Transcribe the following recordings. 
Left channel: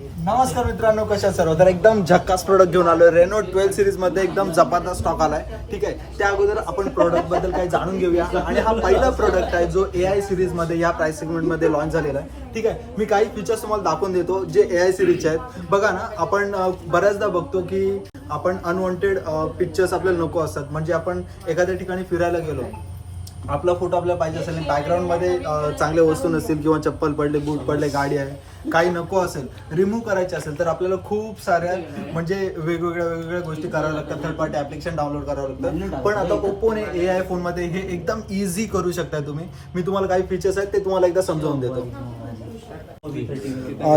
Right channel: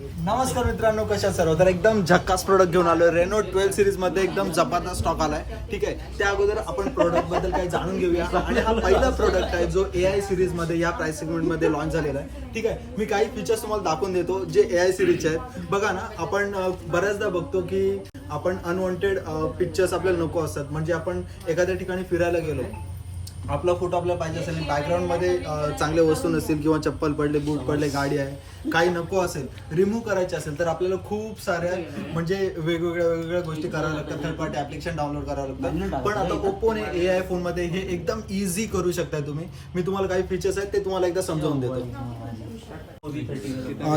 नमस्कार मित्रांनो, कशा सर्व. तर एकदम झक्कास प्रोडक्ट घेऊन आलोय. रेनो 12 सिरीज मध्ये एकदम जबरदस्त स्टॉक आलाय. ठीक आहे, त्या अगोदर आपण प्रोडक्ट बद्दल काही जाणून घेऊया. आणि हा पहिला प्रोडक्ट आहे जो AI सिरीज मध्ये या प्राइस सेगमेंट मध्ये लॉन्च झालेला आहे. ठीक आहे, मी काही फीचर्स तुम्हाला दाखवून देतो जे AI सिरीजचे आहेत. बघा ना, आपण बऱ्याचदा बघतो की आपण अनवॉन्टेड पिक्चर्स आपल्याला नको असतात. म्हणजे आपण एखाद्या ठिकाणी फिरायला गेलो, आपला फोटो आपल्याला पाहिजे असेल, बॅकग्राऊंडमध्ये चांगल्या वस्तू नसतील किंवा चप्पल पडले, बूट पडले, गाडी आहे, काही नको असेल, रिमूव्ह करायचे असेल तर आपल्याला खूप साऱ्या म्हणजे वेगवेगळ्या गोष्टी कराव्या लागतात. थर्ड पार्टी ॲप्लिकेशन डाउनलोड करावं लागतं. पण आता ओप्पोने AI फोनमध्ये हे एकदम इझी करू शकता तुम्ही. मी तुम्हाला काही फीचर्स आहेत ते तुम्हाला एकदा समजावून देतो.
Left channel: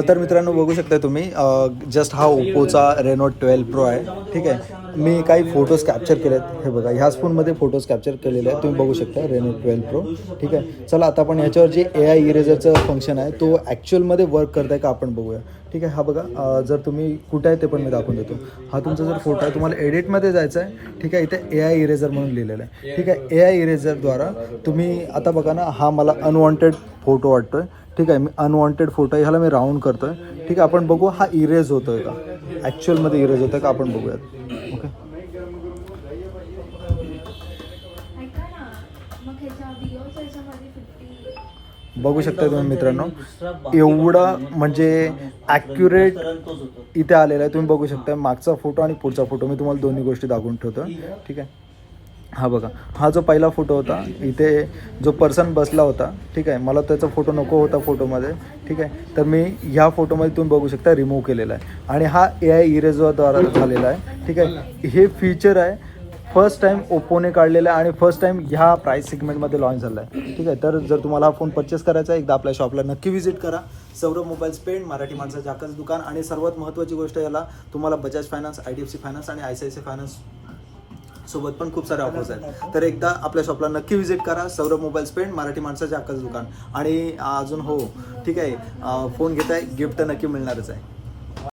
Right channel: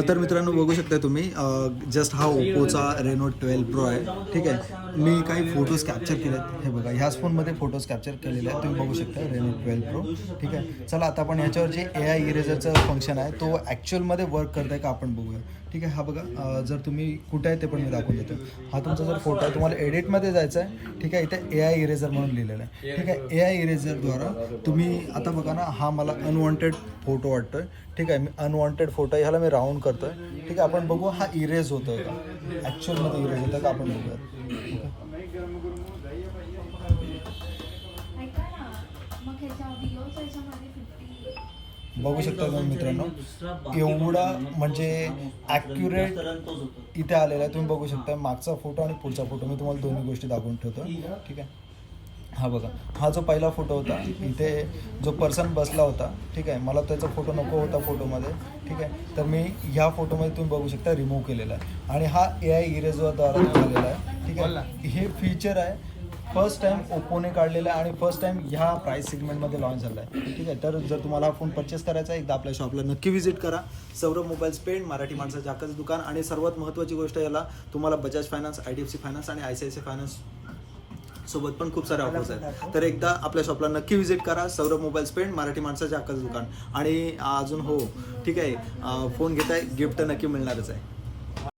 तर मित्रांनो, बघू शकता तुम्ही जस्ट हा ओप्पोचा रेनो 12 प्रो आहे. ठीक आहे, मी काही फोटोज कॅप्चर केले आहेत. हे बघा, ह्याच फोनमध्ये फोटोज कॅप्चर केलेले आहेत, तुम्ही बघू शकता रेनो 12 प्रो. ठीक आहे, चला आता आपण याच्यावर जे AI इरेजरचं फंक्शन आहे तो ॲक्च्युअलमध्ये वर्क करत आहे का आपण बघूया. ठीक आहे, हा बघा, जर तुम्ही कुठे आहे ते पण मी दाखवून देतो. हा तुमचा जर फोटो आहे, तुम्हाला एडिटमध्ये जायचं आहे. ठीक आहे, इथे AI इरेजर म्हणून लिहिलेलं आहे. ठीक आहे, AI इरेजरद्वारा तुम्ही आता बघा ना, हा मला अनवॉन्टेड फोटो वाटतोय. ठीक आहे, मी अनवॉन्टेड फोटो ह्याला मी राऊंड करतोय. ठीक आहे, आपण बघू हा इरेज होतोय का, ॲक्च्युअलमध्ये इरेज होतोय का आपण बघूयात. ओके, बघू शकता तुम्ही मित्रांनो, एवढं म्हणजे ॲक्युरेट इथे आलेलं आहे. तुम्ही बघू शकता मागचा फोटो आणि पुढचा फोटो, मी तुम्हाला दोन्ही गोष्टी दाखवून ठेवतो. ठीक आहे, हा बघा, हा जो पहिला फोटो होता, इथे जो पर्सन बसला होता. ठीक आहे, मला त्याचा फोटो नको होता फोटोमध्ये. ठीक आहे, तर मी ह्या फोटोमध्ये तुम्ही बघू शकता रिमूव्ह केलेला आहे. आणि हा AI इरेजरद्वारा झालेला आहे. ठीक आहे, हे फीचर आहे फर्स्ट टाईम ओप्पोने काढलेलं आहे आणि फर्स्ट टाईम ह्या प्राईस सेगमेंटमध्ये लॉन्च झाला आहे. ठीक आहे, तर जर तुम्हाला हा फोन परचेस करायचा आहे, एकदा आपल्या शॉपला नक्की व्हिजिट करा. सौरभ मोबाईल्स पेण, मराठी माणसाचं हक्काचं दुकान. आणि सर्वात महत्त्वाची गोष्ट, याला तुम्हाला बजाज फायनान्स, IDFC फायनान्स आणि ICICI फायनान्स सोबत पण खूप सारे ऑफर्स आहेत. तर एकदा आपल्या शॉपला नक्की व्हिजिट करा. सौरभ मोबाईल्स पेण, मराठी माणसाच्या हक्काचं दुकान. आणि अजून हो, ठीक आहे, फोन घेताय, गिफ्ट नक्की मिळणारच आहे.